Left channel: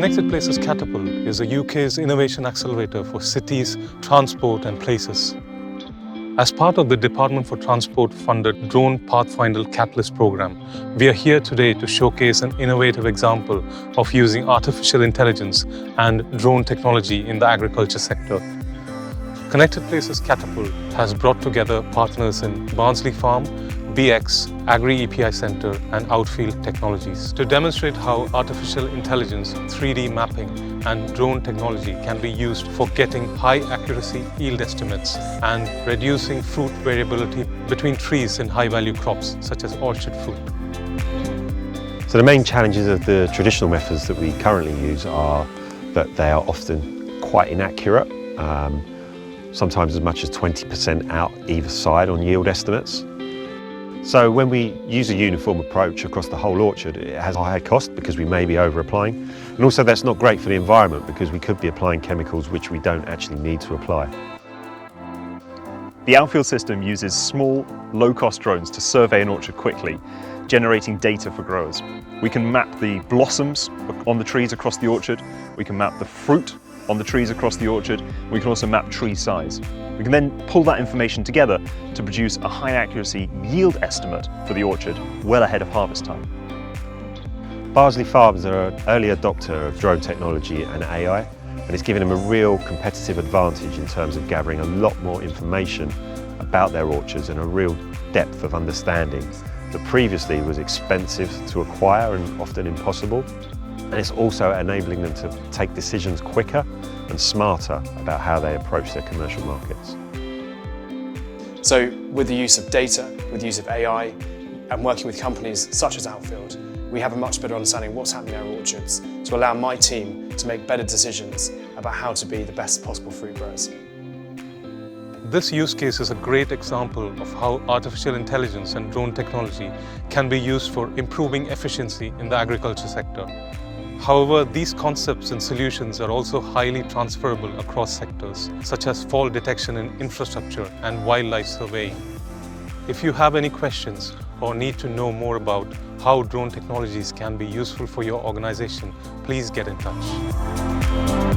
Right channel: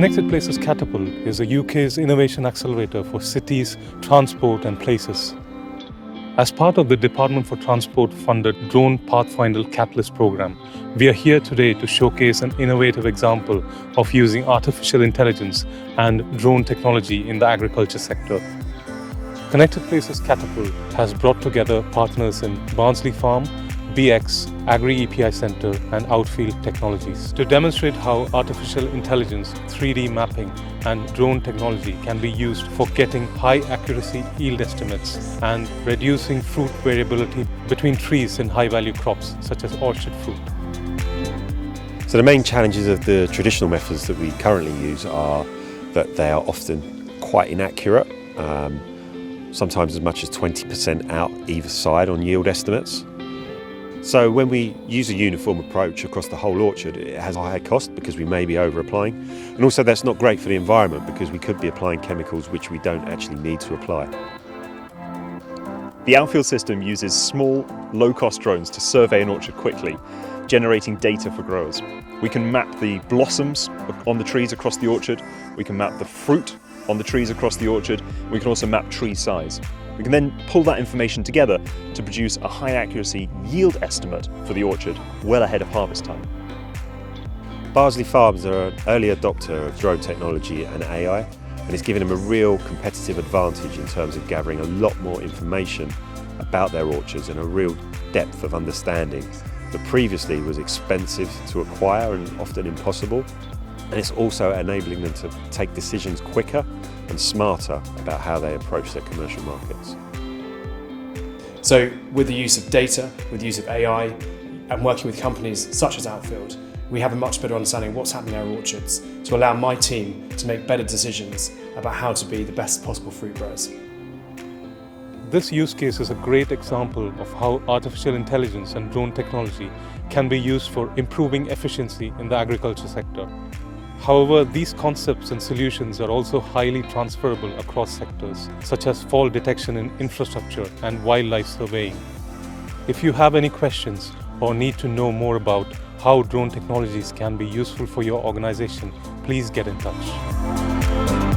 Connected Places Catapult is the UK's innovation accelerator for cities, transport and places. As part of the Department for Transport funded Drone Pathfinder Catalyst program, we are here today to showcase an innovative example of using artificial intelligence and drone technology in the agriculture sector. Connected Places Catapult has brought together partners in Bardsley Farm, BX, Agri EPI Centre and Outfield Technologies to demonstrate how artificial intelligence, 3D mapping and drone technology can be used for getting high accuracy yield estimates and reducing fruit variability between trees in high value crops such as orchard fruit. So the main challenges of the traditional methods that we currently use are that they are often quite inaccurate, sometimes as much as 20% out either side on yield estimates. So when we use a uniform approach across the whole orchard, it has a higher cost because we may be over-applying. And also that's not great for the environment because we could be applying chemicals which we don't actually need to apply. The Outfield system uses small, low-cost drones to survey an orchard quickly, generating data for growers. We can map the blossoms on the trees across the orchard, we can map the fruit on the trees across the orchard, we can also map tree size. We can then pull that information together to produce a high accuracy yield estimate for the orchard well ahead of harvest time. Bardsley Farm is an early adopter of drone technology and AI, and it's given them a real competitive advantage in terms of gathering a lot more information about their orchards and a real depth of understanding that previously was expensive to acquire and often impossible. And it's also enabling them to take decisions quicker and smarter about how they approach their commercial markets. So with the use of data, with the use of AI and working with companies such as Outfield, we have a much better understanding of what's happening in our orchards to allow my team to make better decisions about how to be the best possible fruit growers. This use case is a great example of how artificial intelligence and drone technology can be used for improving efficiency in the agriculture sector. However, these concepts and solutions are also highly transferable across sectors, such as fall detection in infrastructure and wildlife surveying. If you have any questions or need to know more about how drone technologies can be useful for your organization, please get in touch.